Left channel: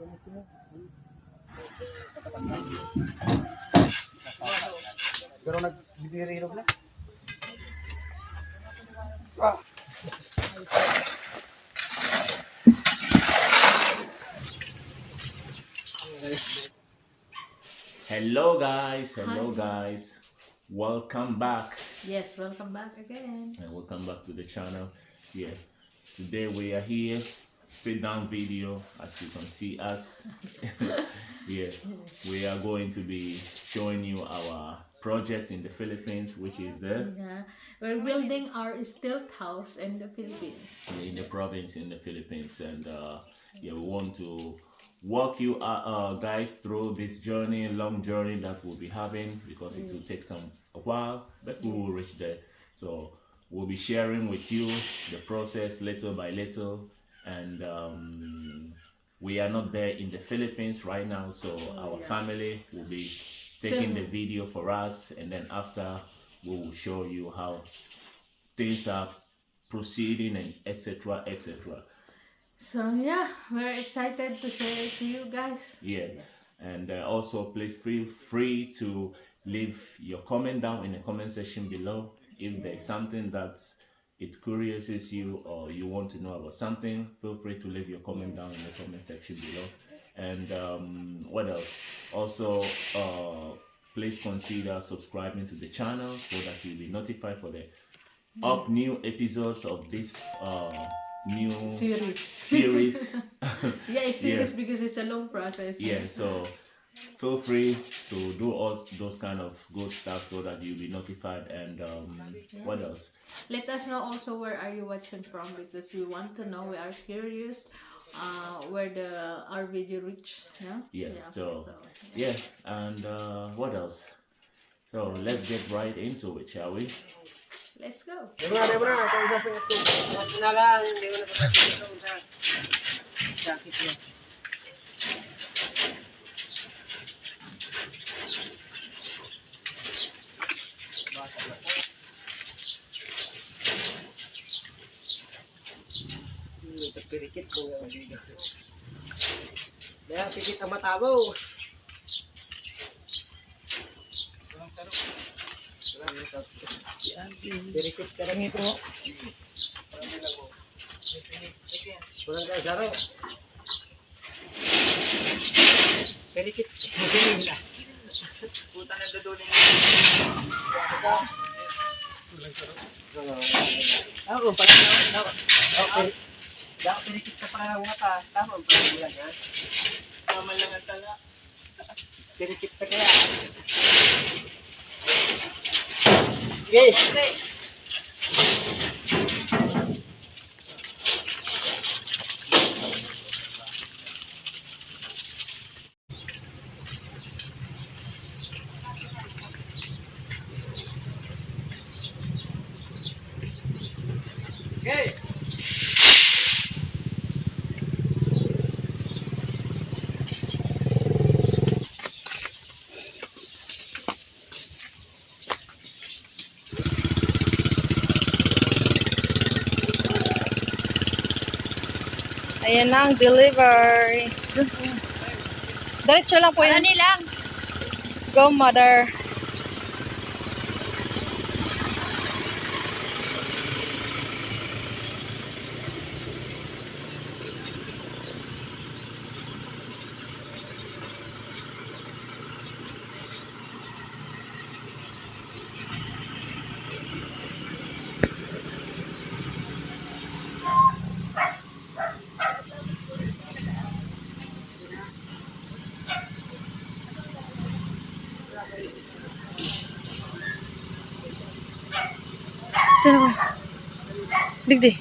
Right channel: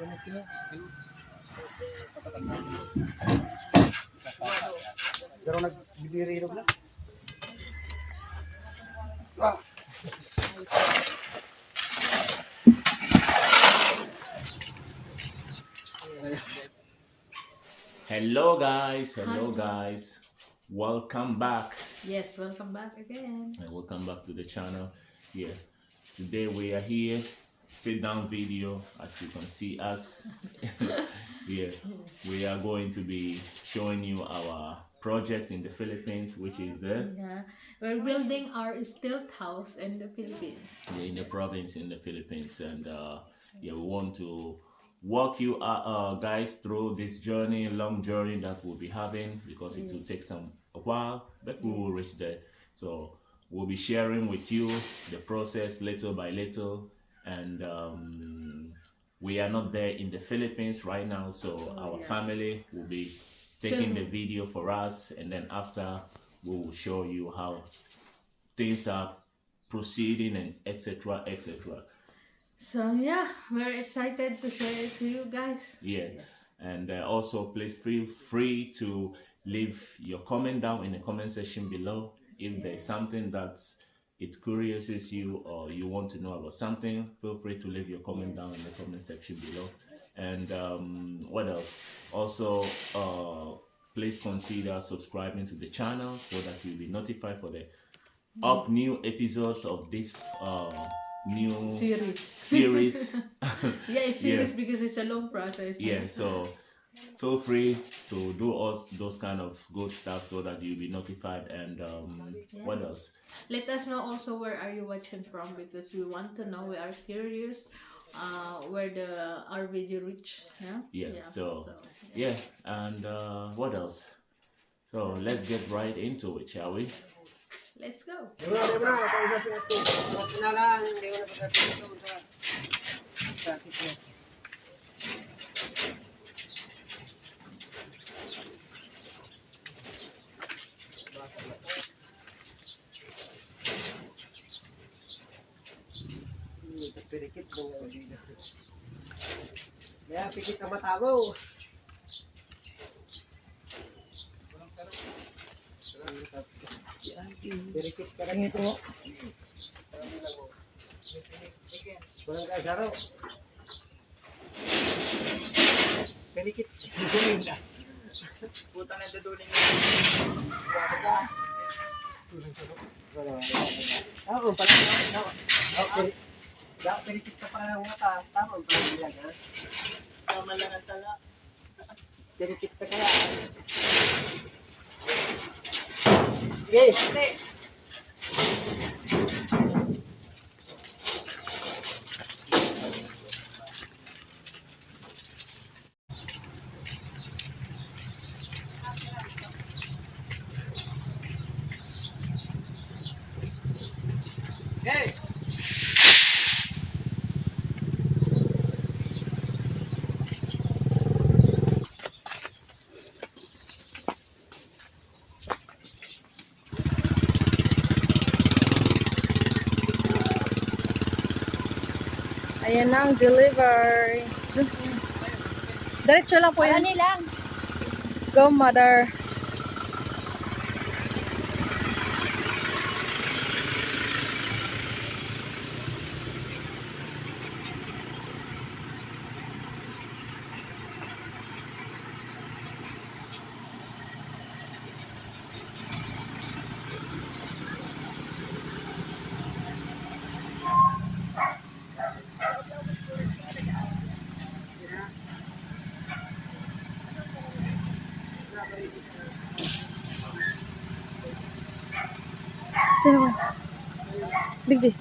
Pero nagbibiri rin na. Hello guys, welcome back. Yes, welcome back again. And welcome back to the channel. Yeah, today we are here, sit down video, as you can see us. Yeah, we are going to be showing you our project in the Philippines, which is Yeah, we're building our stilt house in the Philippines. in the province in the Philippines, and yeah, we want to walk you guys through this journey, long journey that we'll be having, because it will take a while, but we will reach there. So we'll be sharing with you the process little by little, and we are not there in the Philippines right now, so our family will be taking the video for us, and then after we will show you how things are proceeding, and etc. etc. So yeah, we're excited to share it to you guys. Yeah. Yes. And also please feel free to leave your comment down in the comment section below. If there's something that it curiouses you, or you want to know about something, feel free to leave your comment down in the comment section below. And what else? Also, please consider subscribing to the channel so that you'll be notified for the new episodes of this new series. Yeah, it's serious because it's a long process. Yeah, so feel free to do all those kind of good stuff so that you'll be notified. And what else? Let us know also where are you watching from, because we want to know. We are curious where our video reach. So yeah, and what else? So let's get right into it, shall we? Let's go. Pirikit ko. Kaya pikit ka matabo. Pirikit ka lang ito. Walang kaya saro. Pirikit. Puta na daduling. Ako pala na. Okay. Dapat pirikit ka para ng mata. Tama ang pala lang ha. Tama lang ang tala. Pirikit ka kaya. Okay. Okay. Okay. Ayan na ang delivery. Diretso lang po yan. lang? Go, mother. Diyan naman. Digdi.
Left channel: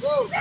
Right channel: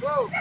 Go.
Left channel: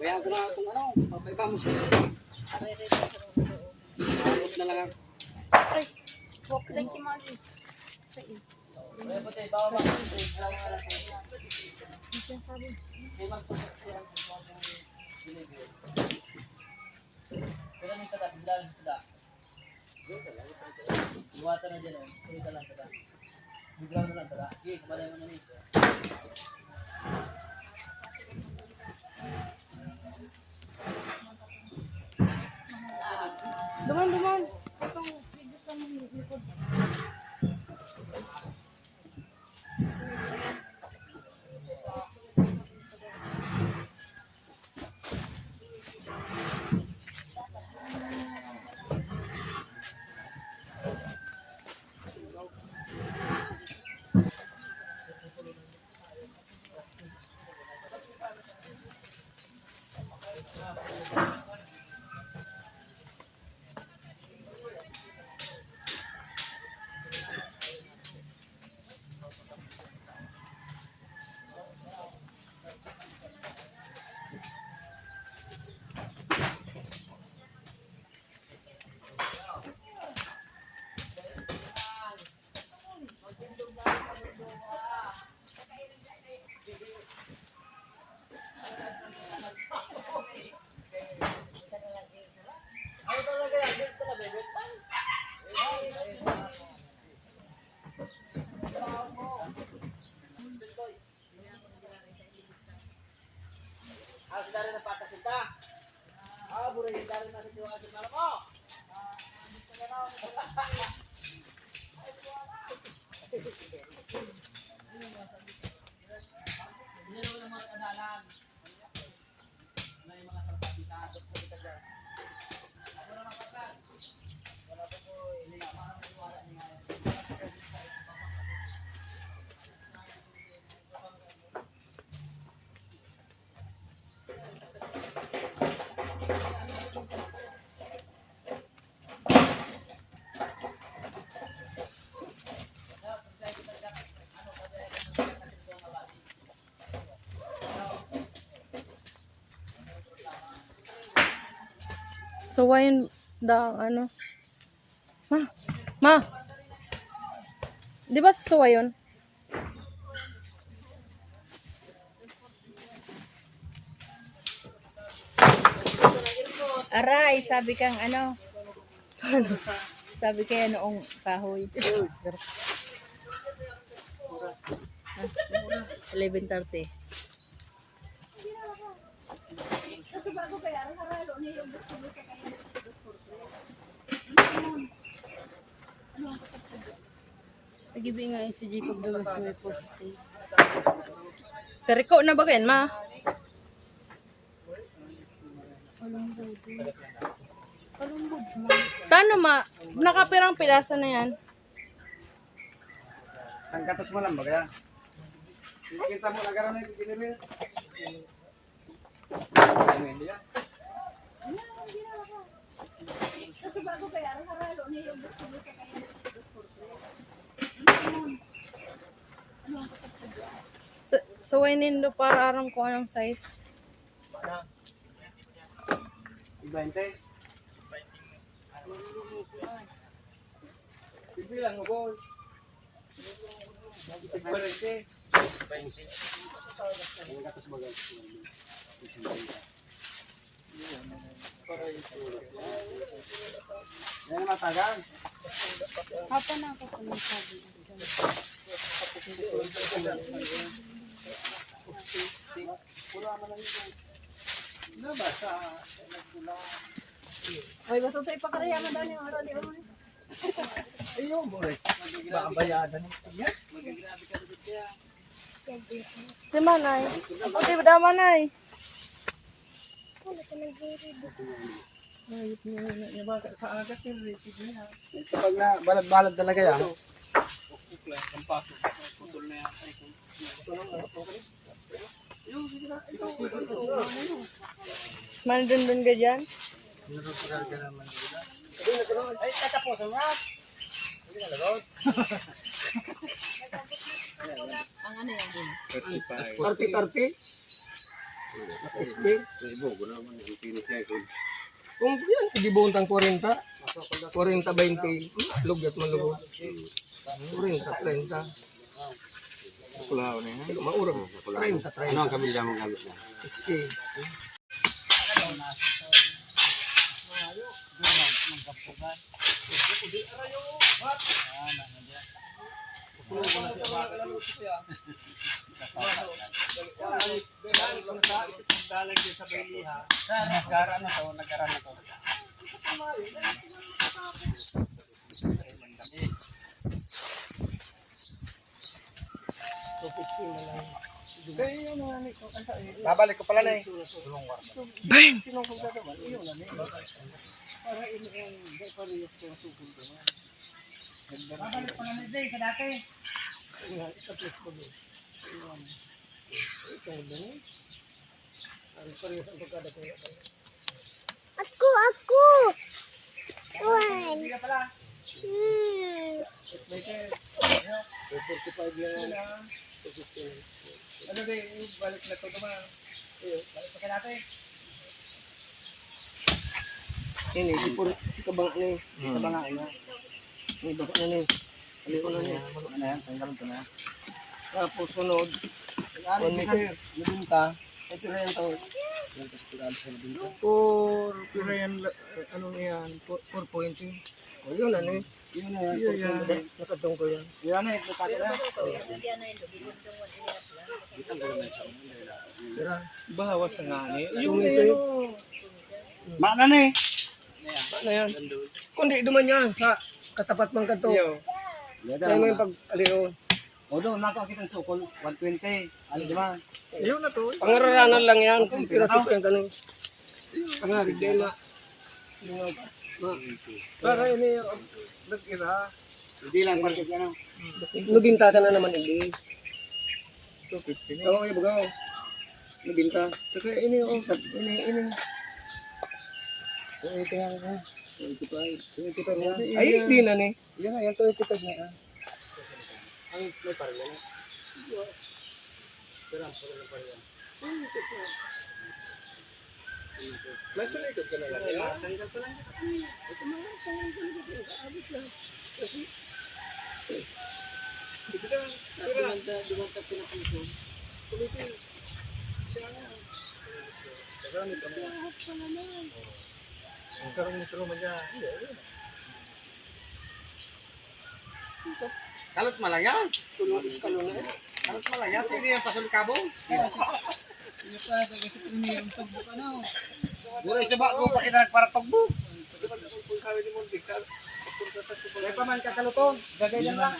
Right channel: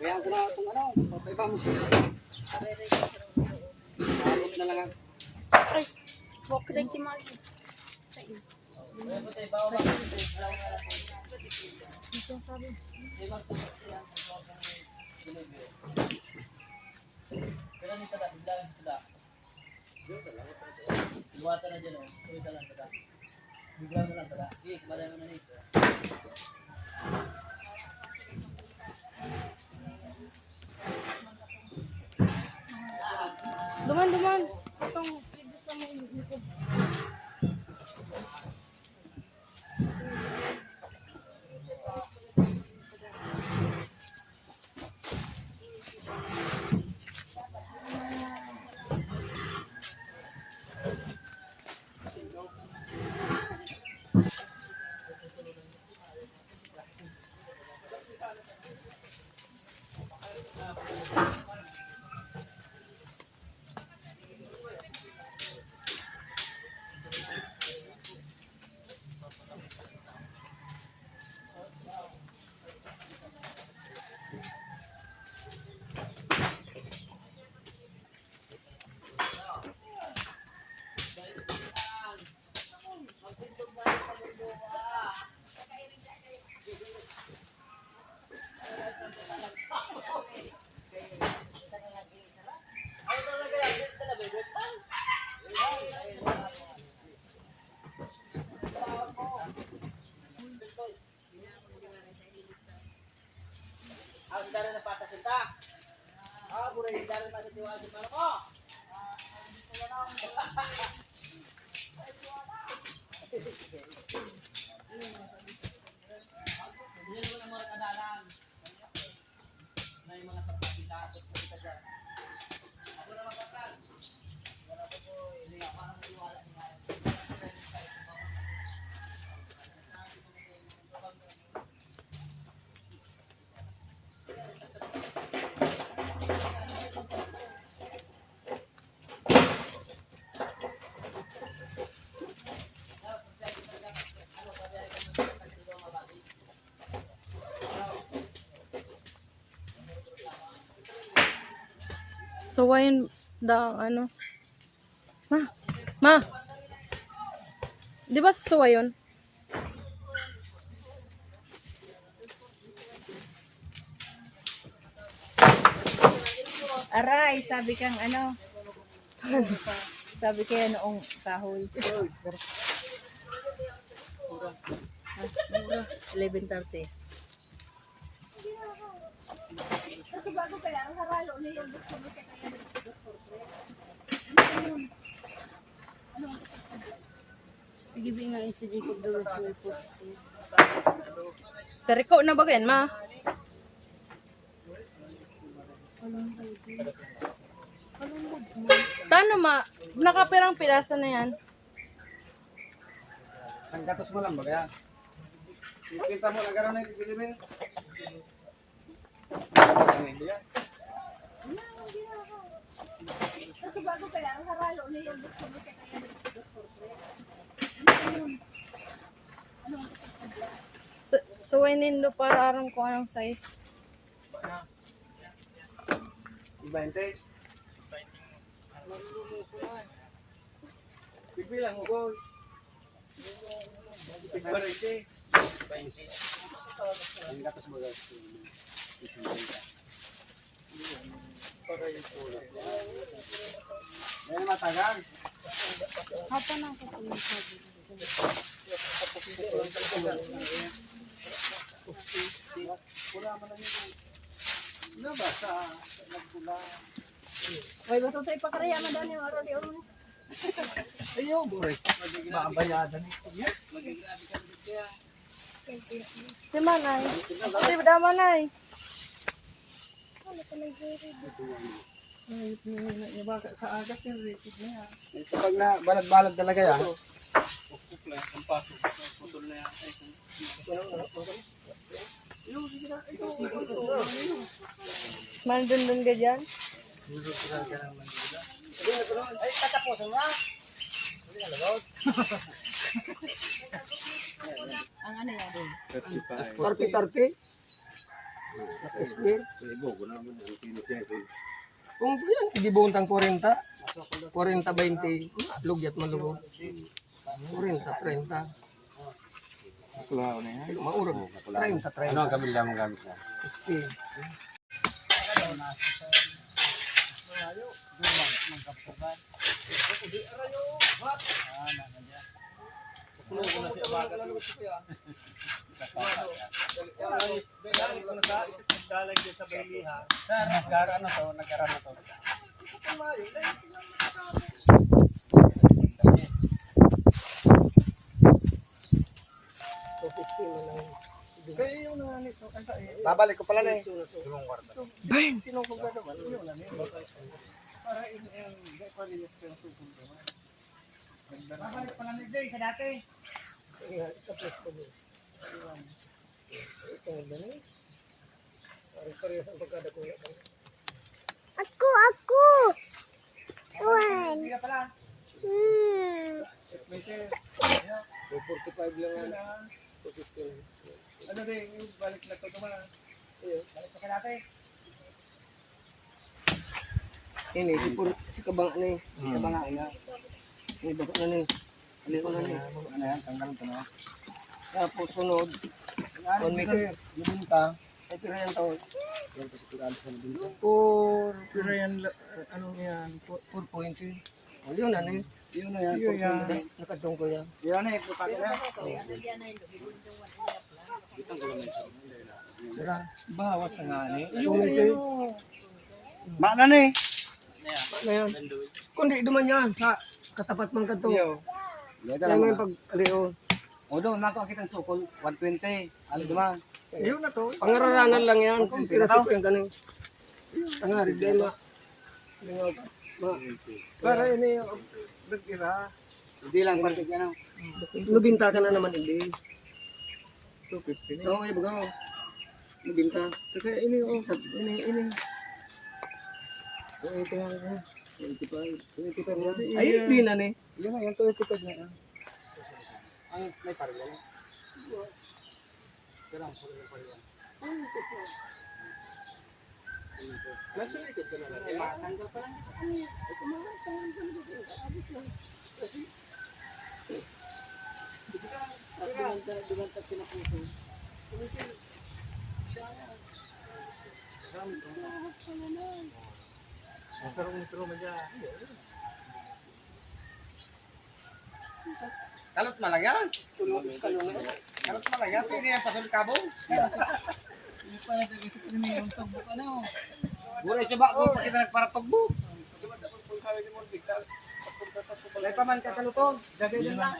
Bayaan ko na itong ano, papaiba mo siya. Abot na lang ako. Walk na kimagi. Kaya po tayo, bawa ba? Sabi. May magsusok siya ang delivery. Pero nito na, biglaan nito na. Luwata na dyan o, kumita lang tada. Biglaan na lang tada. Okay, kumalay mo na nito. Duman. Dari na pakasinta. Buray dari na sa tiwa sa mo. Yan ang mga kanalan. May mga sarpita at kita dyan. Ako na makakal. Wala po ini ang tiwala ni ngayon. So, why da ano? Ma. Di ba suwa yun? Aray, sabi kang ano? Sabi kaya noong kahoy. 11:30. Kasi bago kaya, ang haralo niya yung gusto mo sa kanya. Nagibi nga si Jacob Lewis may poste. Teriko na ba yan, ma? Tano, ma? Nakapirang piraso na yan. Ang katos mo lang ba kaya? Kita mo na gano'n na delivery. Kasi bago kaya, ang haralo niya yung gusto mo sa kanya. So, nindo para aram ko anong size. 20. Bibilang mo boy. 20. Ang katos mo guys. Yan matagal. Hapa na ako. Pula man lang ito. Ano ba sa nagpula? Ay, basta tayo pakaraya mo daw yung aral yung mga. Ayun, boy. Makabayadan ito. Magigrabe ka dito kaya. Si Manay. Ay, bada Manay. Ayop na yung baka sa agat yung rated na yan. Ito pag na balad-balad talaga yan. Pukla, ang paso. Putol na yan. Yung sige na. Mandun-dun ka dyan? Narupura ka naman dito. Ay, katapusan nga. Hindi nga lagod. Ang ano yan? 30-30? Naka-square? Kung yan, gibuntang 40. 40-20. Lugyat malugod. 40-30. Pulaw na yan. Maurag. 30-30. Ano ang kabila mong gamit na? 60. Nag-aral na to. Babalik ko pala na eh. Bang! Sinong kong gagawa? Iyon na eh. Para hindi pa rin yung sukul ko. Babalik pala na sa dati. Ikaples ko doon. Ito na eh. Parehas ang pagkada ko. Aku. Wan. Hindi ka pala. May 45 lang yan. 215. Ano din, yung balik na ito naman. Balik pa ka natin. Ini, si kabanga na eh. Si kabanga na. May bako na eh. Balik ko na niya. Ano yan, tanggal ito na. Tapos sunod. Kung may nabunta, ay pira yan to. Por pira yan, ano yan, 4.2. O yun ano eh. Yun na yan, 4.2. Nakadong ko yan. Yan na, ito pati na. Sira, bawas na nga ni. Yung ito. Mana na eh. Ano yan? Kundi duman yan sa katapat mang kanto. Kaya mo yung pag-aliw. O doon, nakakita ng sukol, 120. Ano diba? Yun na to. Pangararanan lang yan. Kung pinasok yung tanong. Pangarig day ma. Para yun eh. Nag-ira. Hindi lang parkit yan. Nubinta ka na naman hindi. 250 na. Oo, ibagaw. Nubinta. Saka ini oh. Ini. So, ito nga ka. 25 na. Ay, hindi na eh. Yan nga, yan 25 na. Ang may paril yan. Pero ang paril yan. Ito po. Nasa likod ka na lang. Tanggal pa lang. Ito mga tanggal ka. Abot lang. Kasi, dumanta pinapuso. Kumiti. Siya nga. Magamit ka mo. Ang karong mo dyan. Kalot malayan. Kalot malayan. Hindi yan pasol kabong. Hindi pa nag-isip rin yung tugbok ano. Buray sa bago pa kita para tugbok. May paman ka kalutong. Gagay lang lang.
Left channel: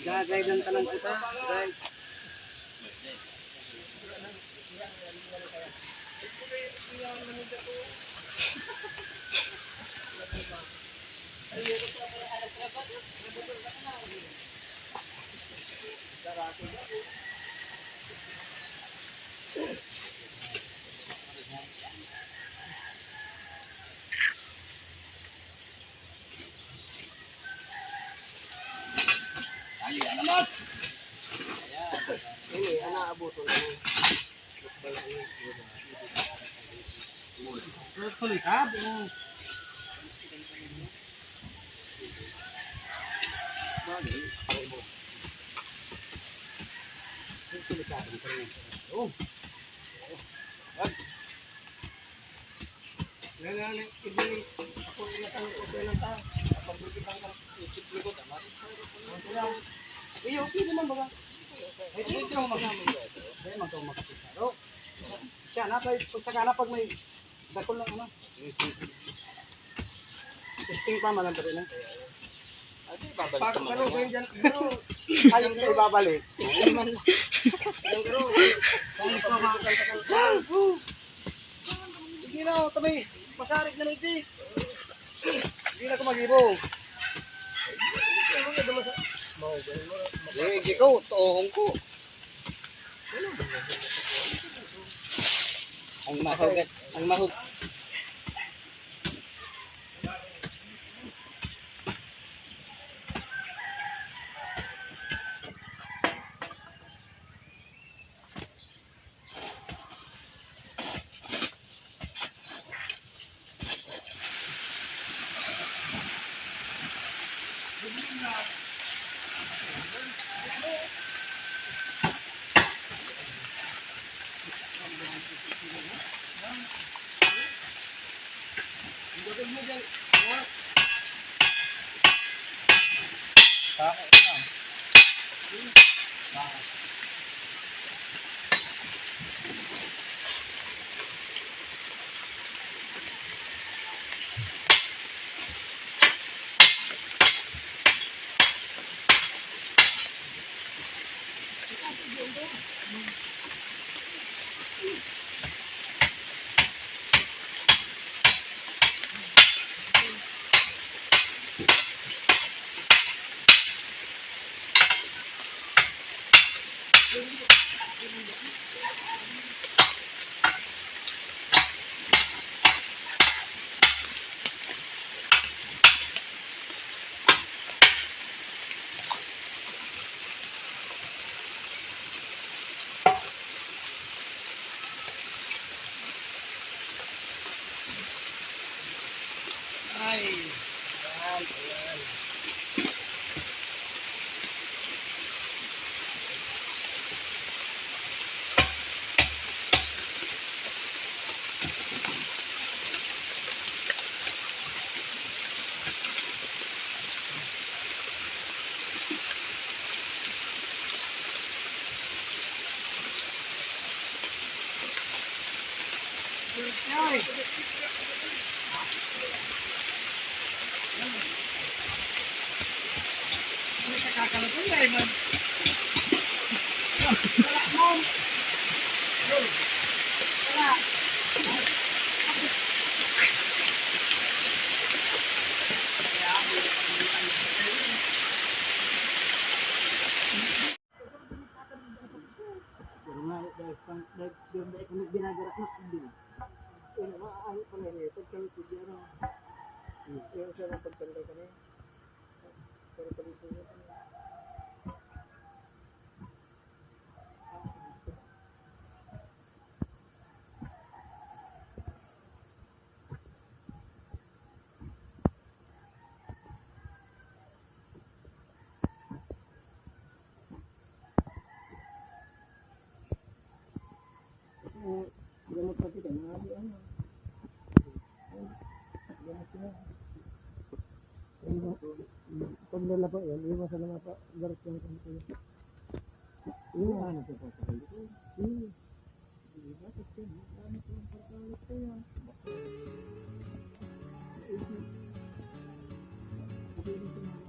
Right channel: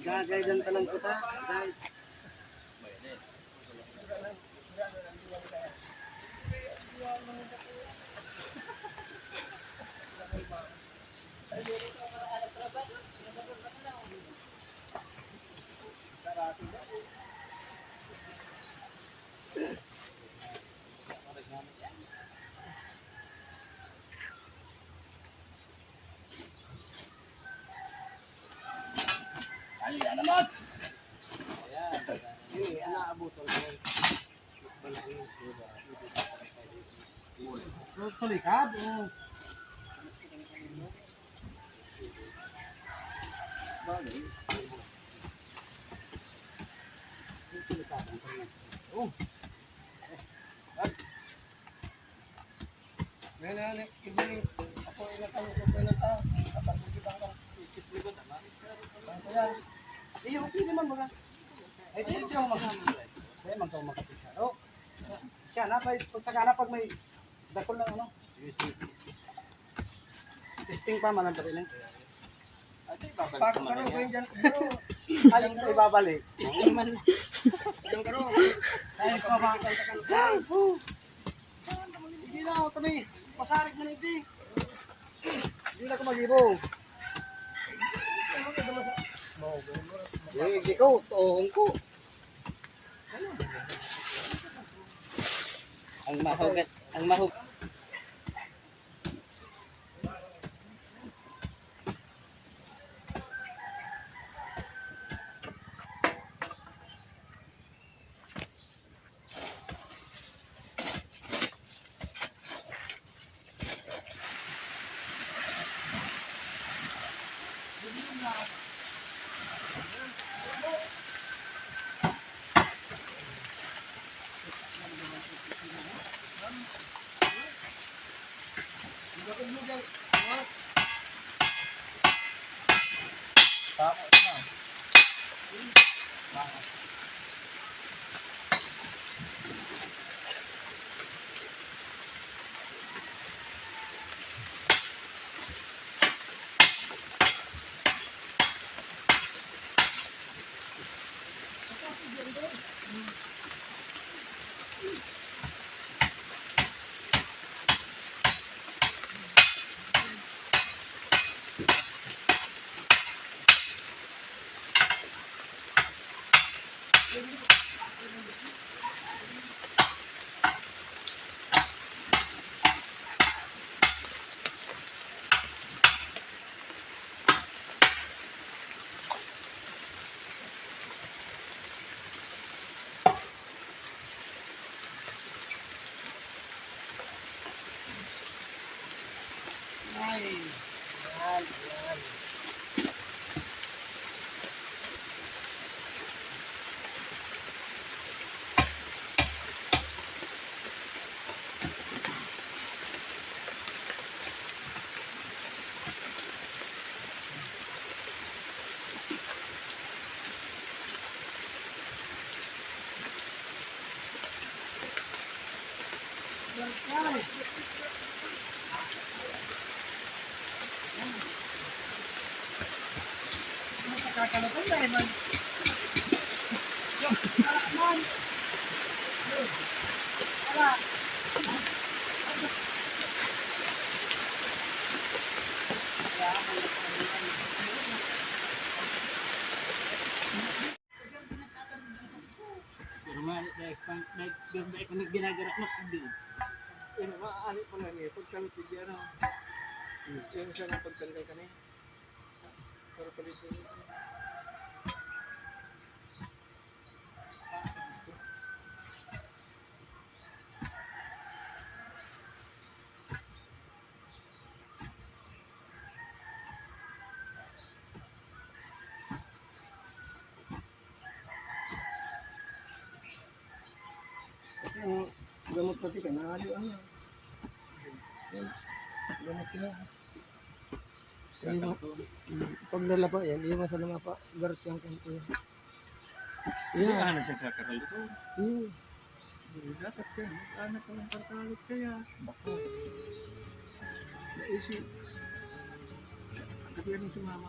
Gagay lang talang kita. Guys. Ini anak abuton mo. Tulikab. Oh. Ngayon, ibigay ako inatan ko ng ta. Kapag kita ka, isip ko tama. Eh, okay naman baga. Eh, di siya magkasaro. Siya na pag sakana pag may dakol lang ano. Testing pa man lang pati na. Pag karo ko yan. Ay, hindi ibabalik. Testing man lang. Yung karo. Ay, pa ba. Hindi na, tabi. Masarik na nito. Hindi na ito mag-ibo. Eh, ikaw, toong ko. Ang mahug. Ginagarak na din. Pero maaari pa nga niya, pagkangkid yan. Yung siya ng pagkangkay ka niya. Pero palito niya. Yung gamot pati ka, nahalo ano. Gamot ka. Pag nalapa yan, iwan sa nama pa, garat yung kanto yan. Iya. Ano siya kakakalo ko? Iya. Dapat ka, anak ko ng kartalot kaya. Baka. Naisip. Kasi yan yung sumama.